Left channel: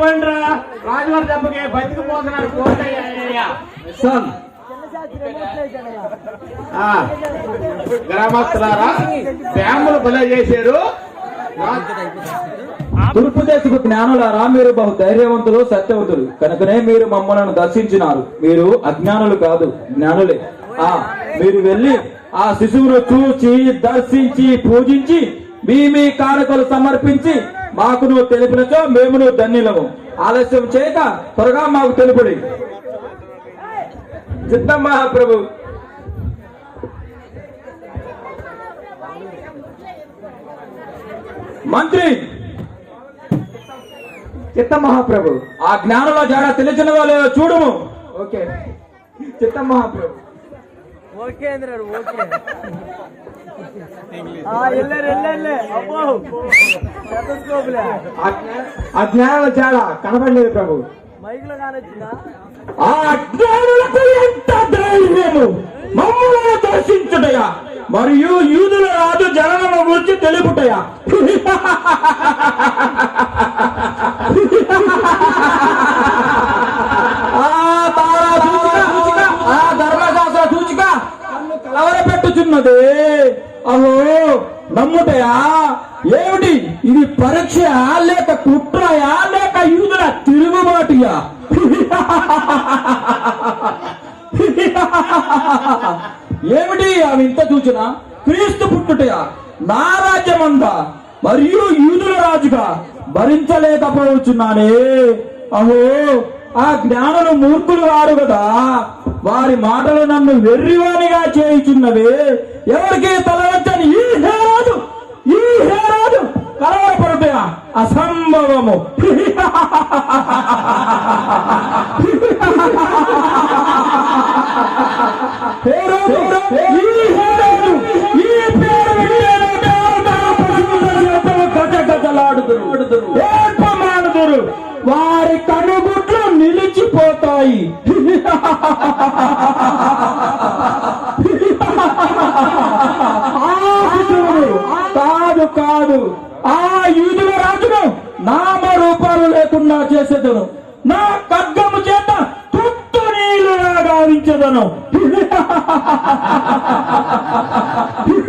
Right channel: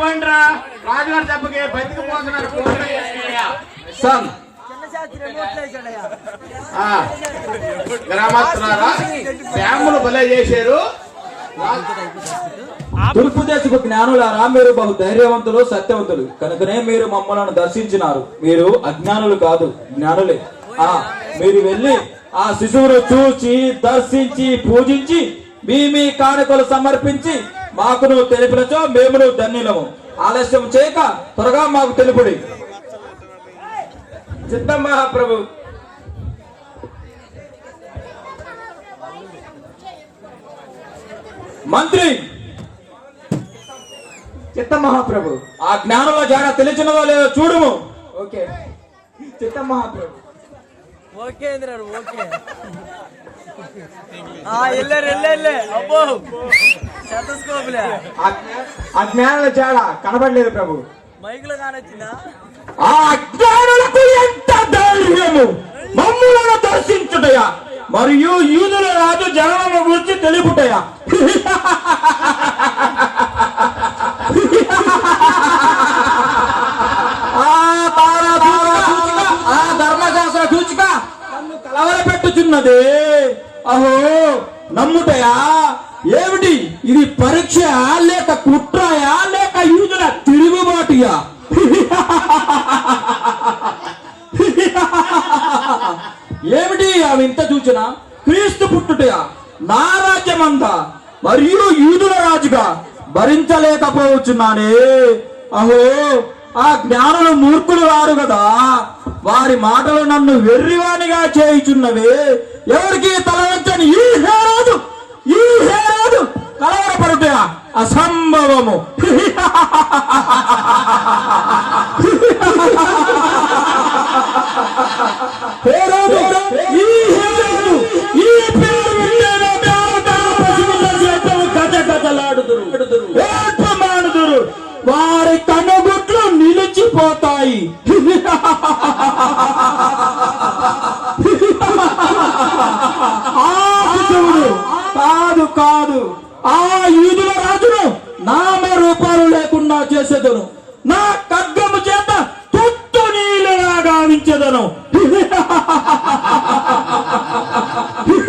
పోండి రాజుగారు రాజుగారి దెబ్బకి బతికిపోతున్నారు గ్రామస్తులారా శ్యాములు బలే చేశారు. తూర్పుదేశపు జ్ఞానులారా మీరు బహు ధైర్యవంతులు సత్యవంతులు. కనుకనే మీరు మమ్మల్ని దర్శించినారు. మీరు అజ్ఞానులు కాదు జ్ఞానులే. ఆ మీరు వెళ్ళి ఆ శిశువును చూచి దర్శించి పూజించి మీ మీ కానుకలు సమర్పించి మాకును తెలిపినచో మేమును ధన్యులము ఆలస్యం చేయక త్వరగా మాకు తెలుపుడి. చిత్తం మహాప్రభు. మంత్రి. చిత్త మహాప్రభు. ఆ జ్ఞానంలో జాడ తెలిసినదో లేదో చూడుము. ఓకే. చిత్త మహాప్రభు. Okay అంద్రాడు okay. ఆ ఎల్లారు ఎల్లెల్లే అబ్బో. శతస్కోపులే ఆ జ్ఞా- ఆ జ్ఞానాల చాడ కనబడలేదు ప్రభు. మైకులో కానొచ్చిందా? ఆ అజ్ఞానులకు ఎంత ధైర్యము? మమ్ములను దర్శించుటయా? మరియు యూదుల రాజు జననము గురించి తెలుపుటయా ఆ తారా సూచిక, ఆ ధర్మశాస్త్ర సూచిక నన్ను ఉన్నది. అహో నమ్ముటయా? ఏమిటి? ఇది పరీక్ష లేక కుట్రయా లేక యూదుల తిరుగుబాటుయా? ఏమిటి అవి ఇంత సూచన క్రీస్తు పుట్టుటయా? నా రాజ్యమందా? మరియు యూదుల రాజుగా భరించలేకపోవచ్చున్నానే. అహో ఆ జ్ఞానులు మూర్ఖులు వారు కదా వారి మాటలు నన్ను వెర్రివానిగా చేయుచున్నవే. ఎవరికి తల వచ్చని ఈ హేరాదు? ఈ హేరాదు? కలవరపడుటయా అసంభవము. హేరోదు, ఈ హేరోదు, ఈ పేరు వింటేనే దేవతలు పశువుల చేతులు గజగజలాడుదురు. ఏడ్పమానుదురు. వారి కనుగుట్లు నిలిచిపోతాయి. కాదు కాదు ఆ యూదుల రాజును నామ రూపాలు లేకుండా చేసేదను. నా ఖడ్గము చేత తుత్తు నీళ్ళుగా గావించదను.